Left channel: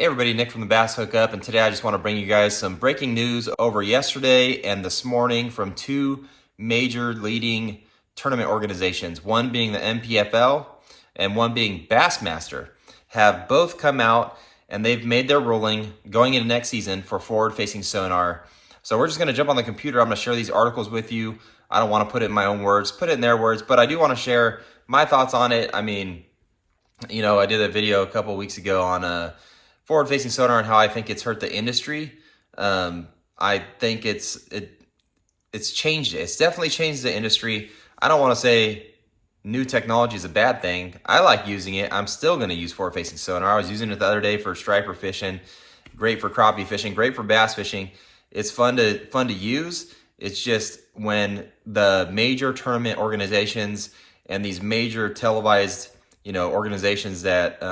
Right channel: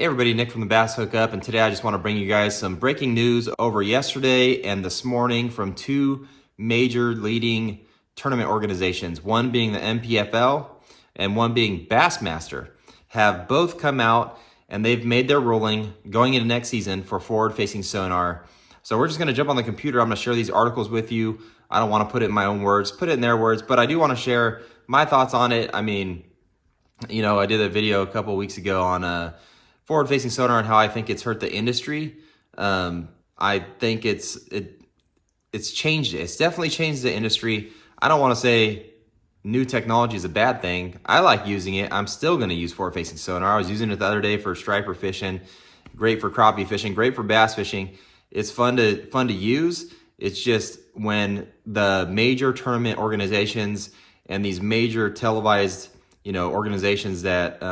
Hey everybody, Nick from the Bass Hookup, and today I just want to bring you guys some breaking news over yesterday and this morning from two major leading tournament organizations, one being the NPFL and one being Bassmaster, have both come out and they've made their ruling going into next season for forward-facing sonar. So we're just going to jump on the computer. I'm going to share these articles with you. I don't want to put it in my own words, put it in their words, but I do want to share my thoughts on it. I mean, I did a video a couple of weeks ago on forward-facing sonar and how I think it's hurt the industry. I think it's changed it. It's definitely changed the industry. I don't want to say new technology is a bad thing. I like using it. I'm still going to use forward-facing sonar. I was using it the other day for striper fishing, great for crappie fishing, great for bass fishing. It's fun to use. It's just when the major tournament organizations and these major televised organizations that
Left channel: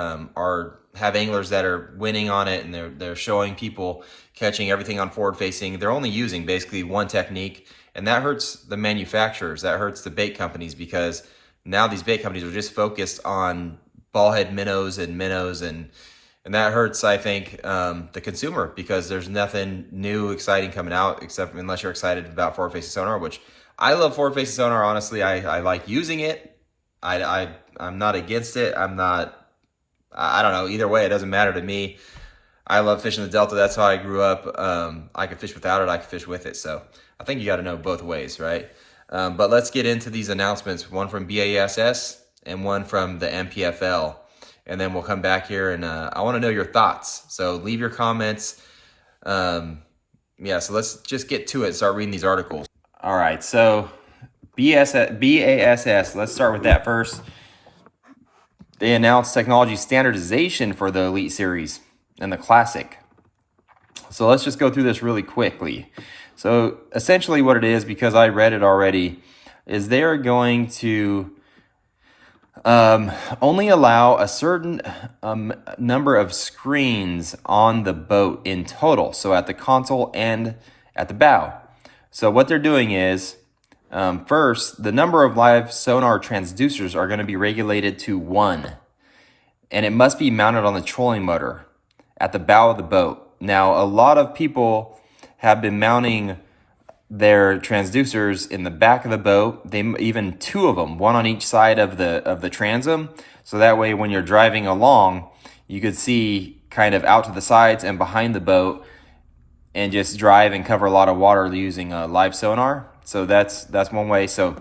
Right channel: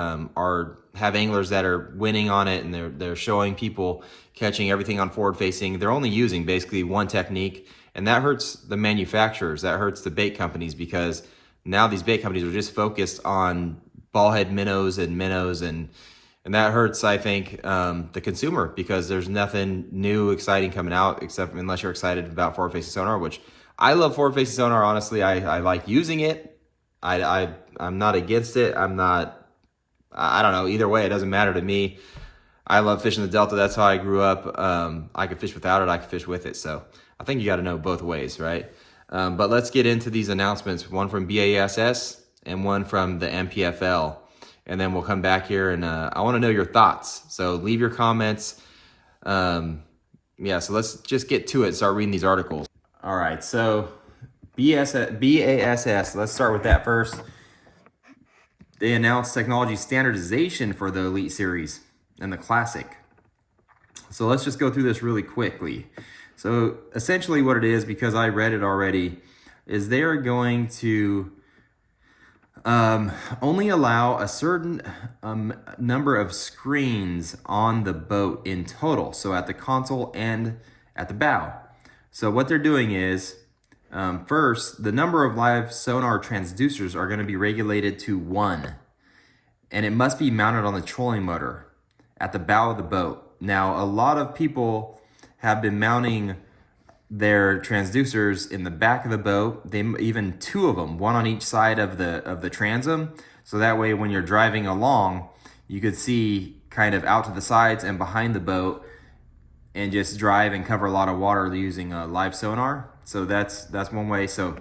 have anglers that are winning on it, and they're showing people catching everything on forward facing. They're only using basically one technique, and that hurts the manufacturers. That hurts the bait companies, because now these bait companies are just focused on ball head minnows, and that hurts, I think, the consumer, because there's nothing new, exciting coming out, except unless you're excited about forward facing sonar, which I love forward facing sonar. Honestly, I like using it. I'm not against it. I don't know. Either way, it doesn't matter to me. I love fishing the Delta. That's how I grew up. I could fish without it. I could fish with it. So I think you got to know both ways, right? But let's get into these announcements. One from B.A.S.S. and one from the NPFL. And then we'll come back here, and I want to know your thoughts. So leave your comments. So let's just get to it and start reading these articles. All right. So B.A.S.S. Let's start with that first. They announced technology standardization for the Elite Series and the Classic. So let's just go through this really quickly. So essentially what it is, because I read it already, is they're going to only allow a certain number of screens on the boat in total. So at the console and at the bow. So what they're doing is, first, the number of live sonar transducers are going to be regulated to 1, and it must be mounted on the trolling motor at the bow of the boat. Now, a lot of people have been mounting their transducers in the back of the boat. Even 2 of them, one on each side of the transom, so that way when you're driving along, you could see kind of out to the sides and behind the boat, and just drive and cover a lot of water using live sonar. So that's one way. So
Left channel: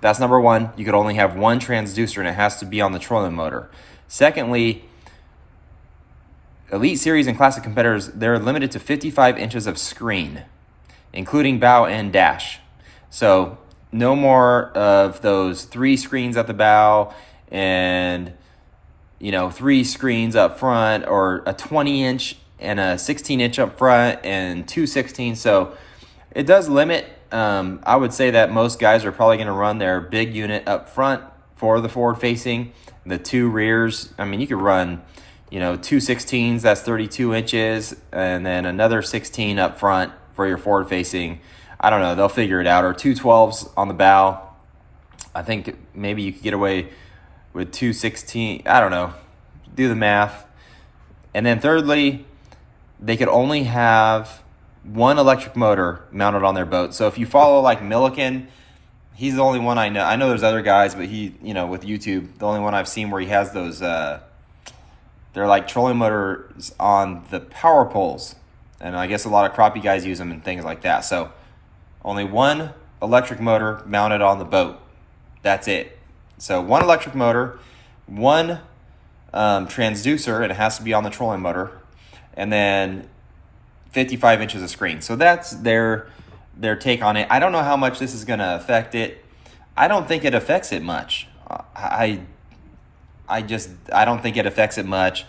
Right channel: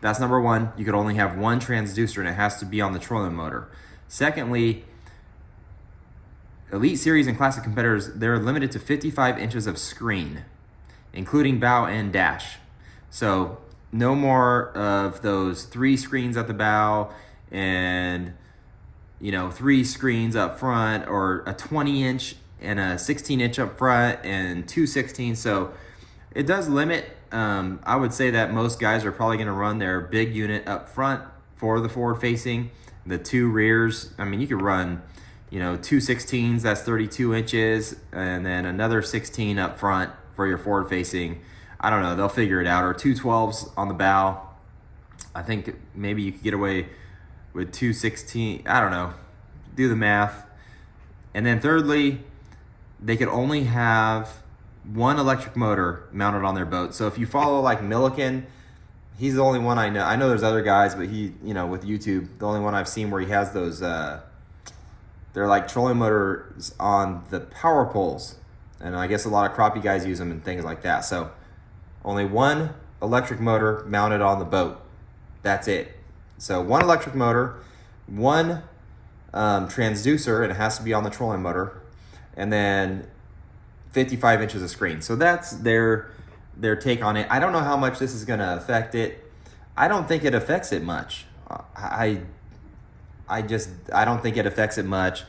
that's number one. You could only have 1 transducer, and it has to be on the trolling motor. Secondly, Elite Series and Classic competitors, they're limited to 55 inches of screen, including bow and dash. So no more of those 3 screens at the bow and 3 screens up front, or a 20-inch and a 16-inch up front and 2 16. So it does limit. I would say that most guys are probably going to run their big unit up front for the forward facing. The 2 rears, I mean, you could run, 2 16s, that's 32 inches, and then another 16 up front for your forward facing. I don't know, they'll figure it out. Or 2 12s on the bow. I think maybe you could get away with 2 16. I don't know. Do the math. And then thirdly, they could only have 1 electric motor mounted on their boat. So if you follow like Milliken, he's the only one I know. I know there's other guys, but he, with YouTube, the only one I've seen where he has those, they're like trolling motors on the power poles. And I guess a lot of crappie guys use them and things like that. So only 1 electric motor mounted on the boat. That's it. So 1 electric motor, 1 transducer, and it has to be on the trolling motor, and then 55 inches of screen. So that's their take on it. I don't know how much this is going to affect it. I don't think it affects it much. I don't think it affects it much.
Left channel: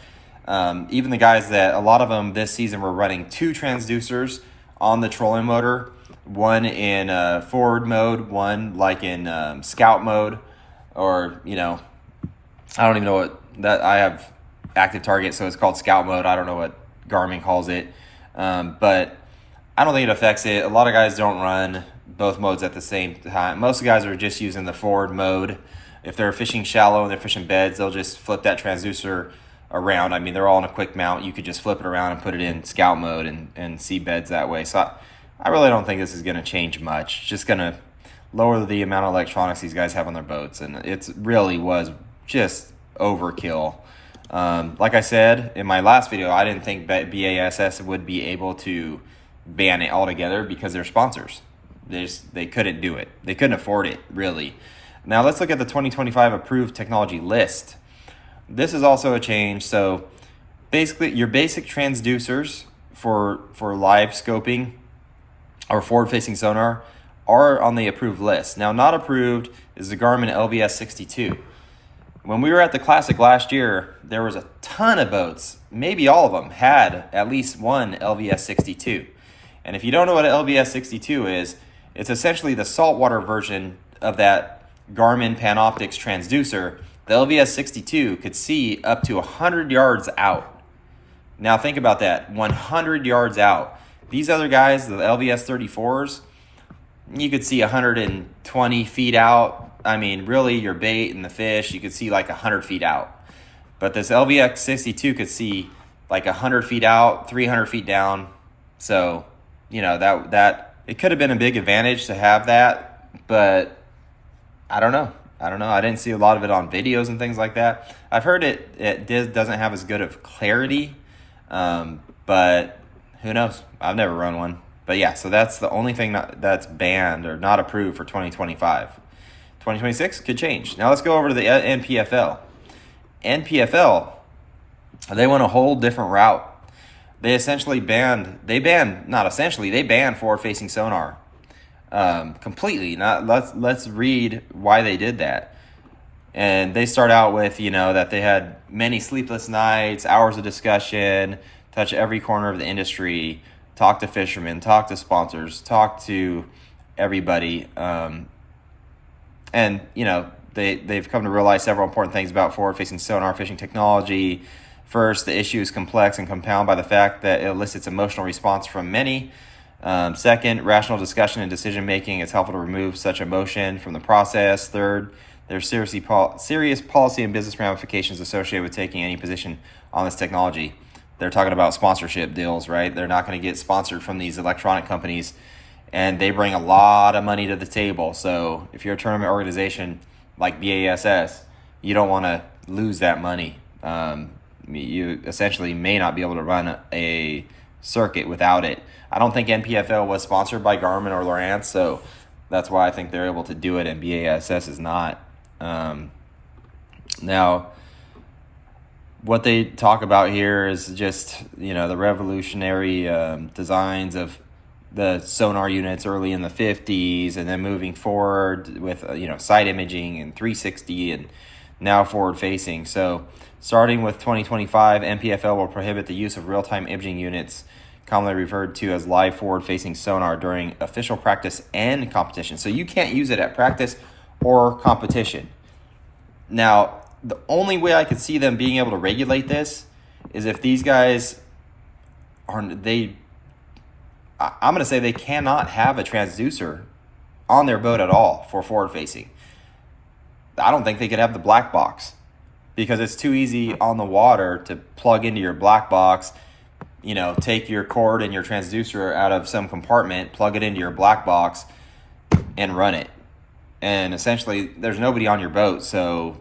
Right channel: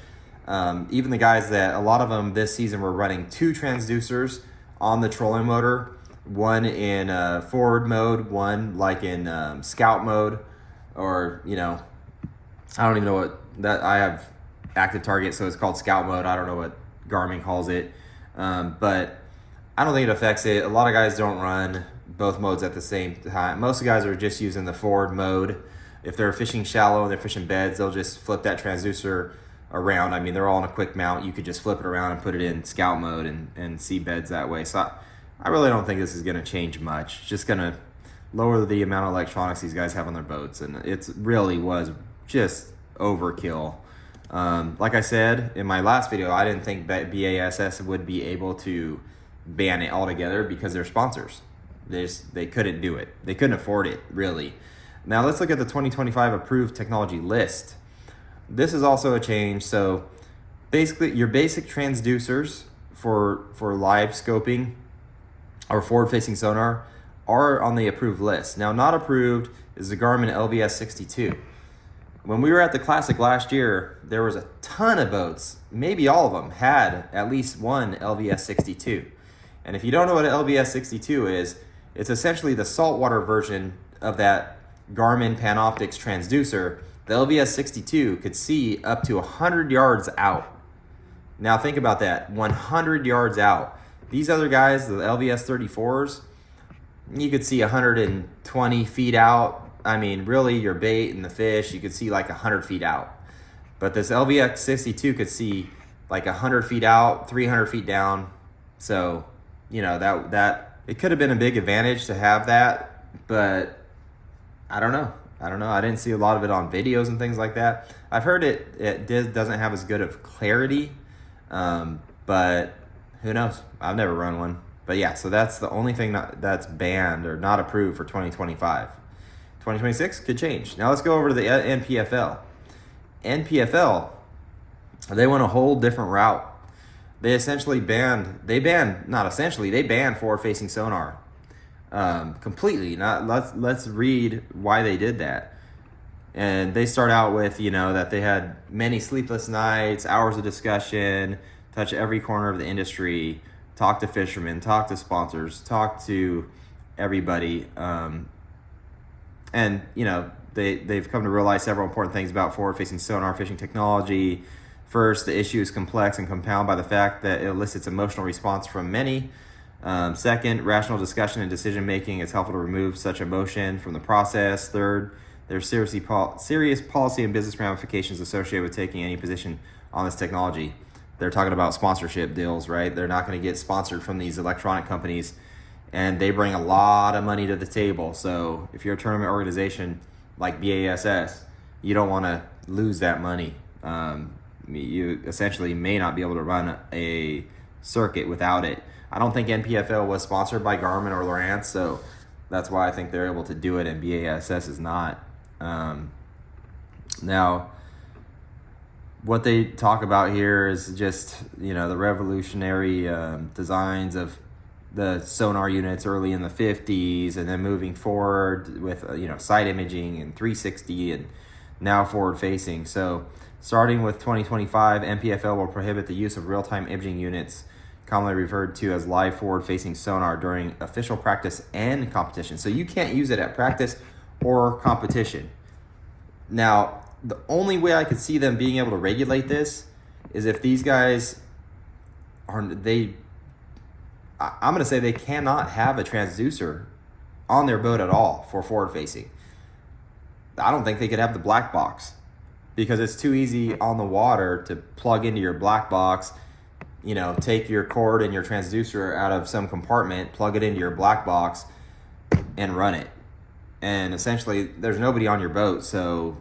Even the guys a lot of them this season were running 2 transducers on the trolling motor, 1 in forward mode, 1 like in scout mode, or I don't even know what that. I have active target, so it's called scout mode. I don't know what Garmin calls it. But I don't think it affects it. A lot of guys don't run both modes at the same time. Most guys are just using the forward mode. If they're fishing shallow and they're fishing beds, they'll just flip that transducer around. I mean, they're all in a quick mount. You could just flip it around and put it in scout mode and see beds that way. So I really don't think this is going to change much. It's just going to lower the amount of electronics these guys have on their boats. And it really was just overkill. Like I said in my last video, I didn't think B.A.S.S would be able to ban it altogether because they're sponsors. They couldn't do it. They couldn't afford it, really. Now let's look at the 2025 approved technology list. This is also a change. So basically your basic transducers for live scoping or forward-facing sonar are on the approved list. Now not approved is the Garmin LVS 62. When we were at the Classic last year, there was a ton of boats, maybe all of them, had at least one LVS 62. And if you don't know what an LVS 62 is, it's essentially the saltwater version of that Garmin Panoptix transducer. The LVS 62 could see up to 100 yards out. Now think about that, 100 yards out. These other guys, the LVS 34s, you could see 120 feet out. I mean, really, your bait and the fish, you could see like 100 feet out. But this LVX 62 could see like 100 feet out, 300 feet down. So, you know, that it could have been a big advantage to have that, but I don't know. I didn't see a lot of it on videos and things like that. I've heard it doesn't have as good of clarity, but who knows? I've never run one. But yeah, so that's the only thing that's banned or not approved for 2025. 2026 could change. Now let's go over to the NPFL. NPFL, they went a whole different route. They banned forward-facing sonar completely. Let's read why they did that. And they start out with, that they had many sleepless nights, hours of discussion, touch every corner of the industry, talk to fishermen, talk to sponsors, talk to everybody. And they've come to realize several important things about forward-facing sonar fishing technology. First, the issue is complex and compounded by the fact that it elicits emotional response from many. Second, rational discussion and decision-making is helpful to remove such emotion from the process. Third, there's serious policy and business ramifications associated with taking any position on this technology. They're talking about sponsorship deals, right? They're not going to get sponsored from these electronic companies, and they bring a lot of money to the table. So if you're a tournament organization like B.A.S.S, you don't want to lose that money. You essentially may not be able to run a circuit without it. I don't think NPFL was sponsored by Garmin or Lowrance, so that's why I think they're able to do it, and B.A.S.S is not. Now, what they talk about here is just, the revolutionary designs of the sonar units early in the 50s, and then moving forward with, side imaging and 360 and now forward facing. So starting with 2025, NPFL will prohibit the use of real-time imaging units, commonly referred to as live forward-facing sonar, during official practice and competition. So you can't use it at practice or competition. Now, the only way I could see them being able to regulate this is if these guys I'm going to say they cannot have a transducer on their boat at all for forward-facing. I don't think they could have the black box because it's too easy on the water to plug into your black box, take your cord and your transducer out of some compartment, plug it into your black box, and run it. And essentially, there's nobody on your boat, so,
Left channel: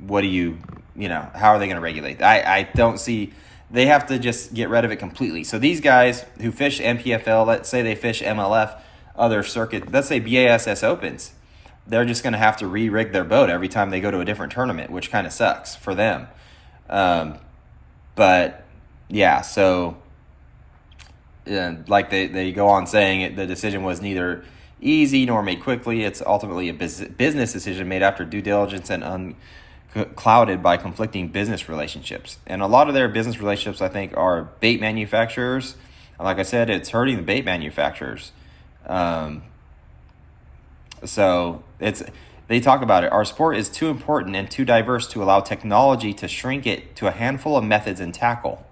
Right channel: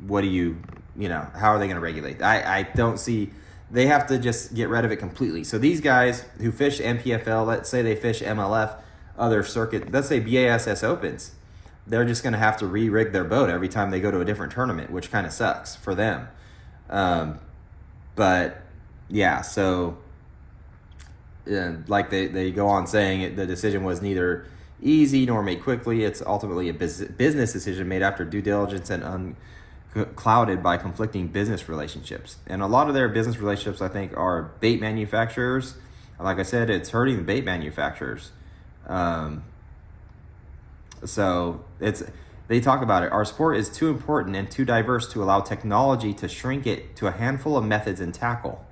what do you, how are they going to regulate? I don't see, they have to just get rid of it completely. So these guys who fish NPFL, let's say they fish MLF, other circuit, let's say B.A.S.S opens, they're just going to have to re-rig their boat every time they go to a different tournament, which kind of sucks for them. But yeah, so like they go on saying the decision was neither easy nor made quickly. It's ultimately a business decision made after due diligence and unclouded by conflicting business relationships. And a lot of their business relationships, I think, are bait manufacturers. And like I said, it's hurting the bait manufacturers. So they talk about it. Our sport is too important and too diverse to allow technology to shrink it to a handful of methods and tackle.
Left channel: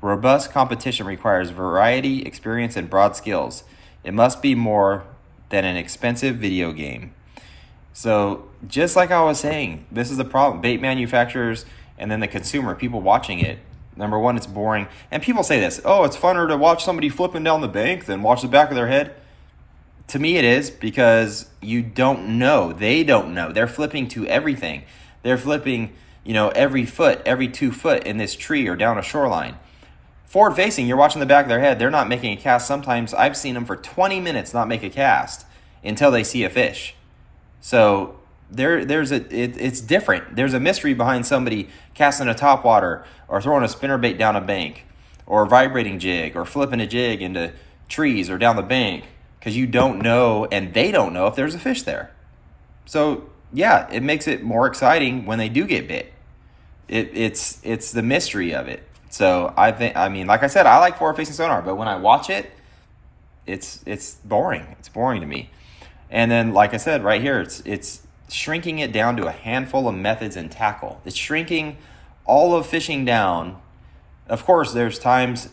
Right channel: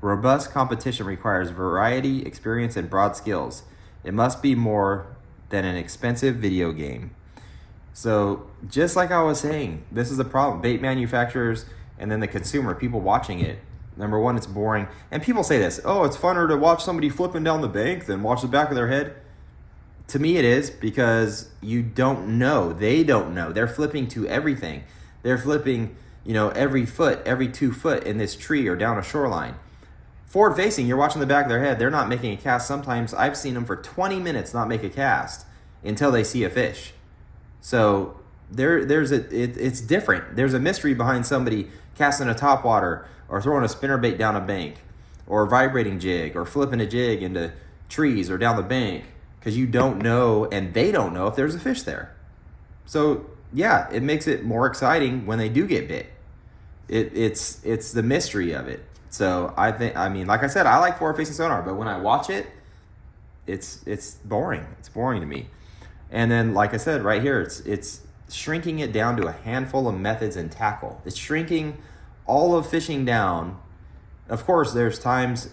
Robust competition requires variety, experience, and broad skills. It must be more than an expensive video game. So just like I was saying, this is the problem. Bait manufacturers and then the consumer, people watching it, number one, it's boring. And people say this, oh, it's funner to watch somebody flipping down the bank than watch the back of their head. To me, it is, because you don't know. They don't know. They're flipping to everything. They're flipping, every foot, every 2 foot in this tree or down a shoreline. Forward facing, you're watching the back of their head. They're not making a cast. Sometimes I've seen them for 20 minutes not make a cast until they see a fish. So it's different. There's a mystery behind somebody casting a topwater or throwing a spinnerbait down a bank or vibrating jig or flipping a jig into trees or down the bank, because you don't know and they don't know if there's a fish there. So yeah, it makes it more exciting when they do get bit. It's the mystery of it. So like I said, I like forward facing sonar, but when I watch it, it's boring. It's boring to me. And then, like I said, right here, it's shrinking it down to a handful of methods and tackle. It's shrinking all of fishing down. Of course, there's times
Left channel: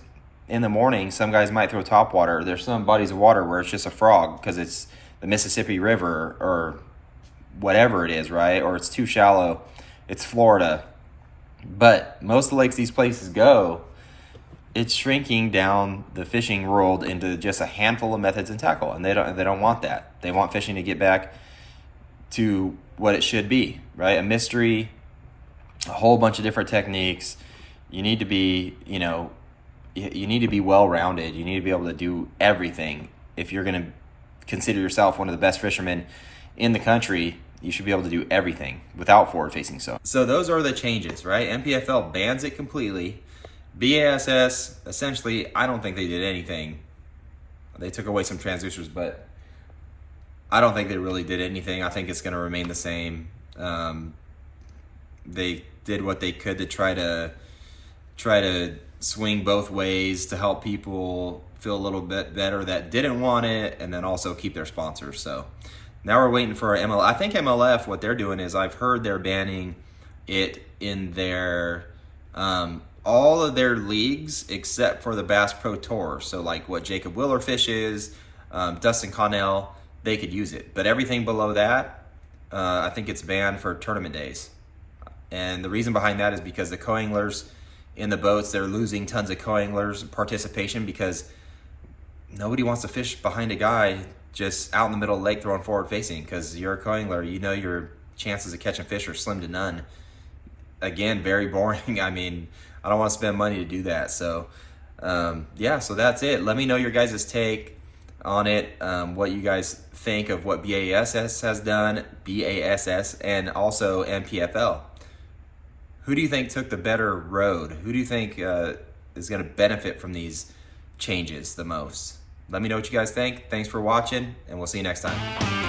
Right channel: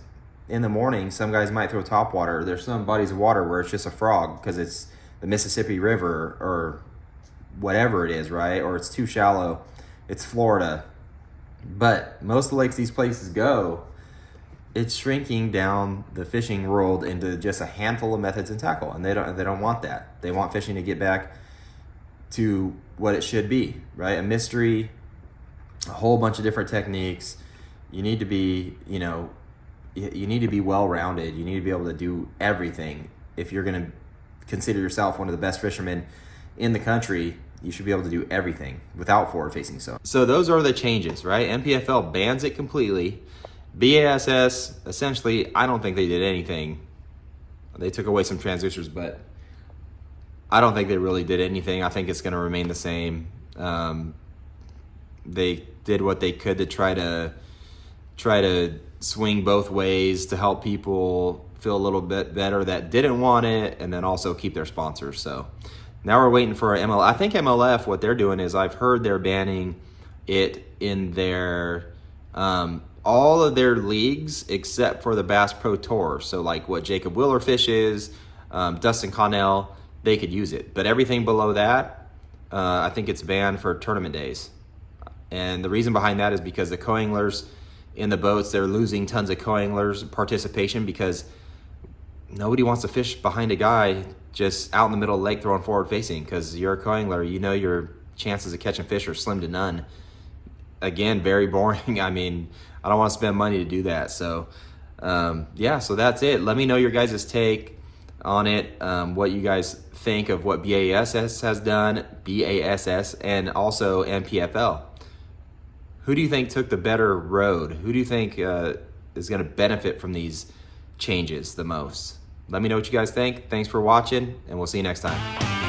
in the morning, some guys might throw topwater. There's some bodies of water where it's just a frog because it's the Mississippi River or whatever it is, right? Or it's too shallow. It's Florida. But most of the lakes these places go, it's shrinking down the fishing world into just a handful of methods and tackle, and they don't want that. They want fishing to get back to what it should be, right? A mystery, a whole bunch of different techniques. You need to be, you need to be well-rounded. You need to be able to do everything. If you're going to consider yourself one of the best fishermen in the country, you should be able to do everything without forward-facing sonar. So those are the changes, right? NPFL bans it completely. B.A.S.S, essentially, I don't think they did anything. They took away some transducers, but I don't think they really did anything. I think it's going to remain the same. They did what they could to try to swing both ways to help people feel a little bit better that didn't want it, and then also keep their sponsors. So now we're waiting for our MLF. I think MLF, what they're doing is, I've heard they're banning it in their all of their leagues except for the Bass Pro Tour. So like what Jacob Willer fishes, Dustin Connell, they could use it. But everything below that, I think it's banned for tournament days. And the reason behind that is because the co-anglers in the boats, they're losing tons of co-anglers participation because nobody wants to fish behind a guy just out in the middle of the lake throwing forward facing, because you're a co-angler, your chances of catching fish are slim to none. Again, very boring. I mean, I don't want to spend money to do that. So yeah, so that's it. Let me know your guys' take on it, what you guys think of what B.A.S.S has done, B.A.S.S, and also NPFL. Who do you think took the better road? Who do you think is going to benefit from these changes the most? Let me know what you guys think. Thanks for watching, and we'll see you next time.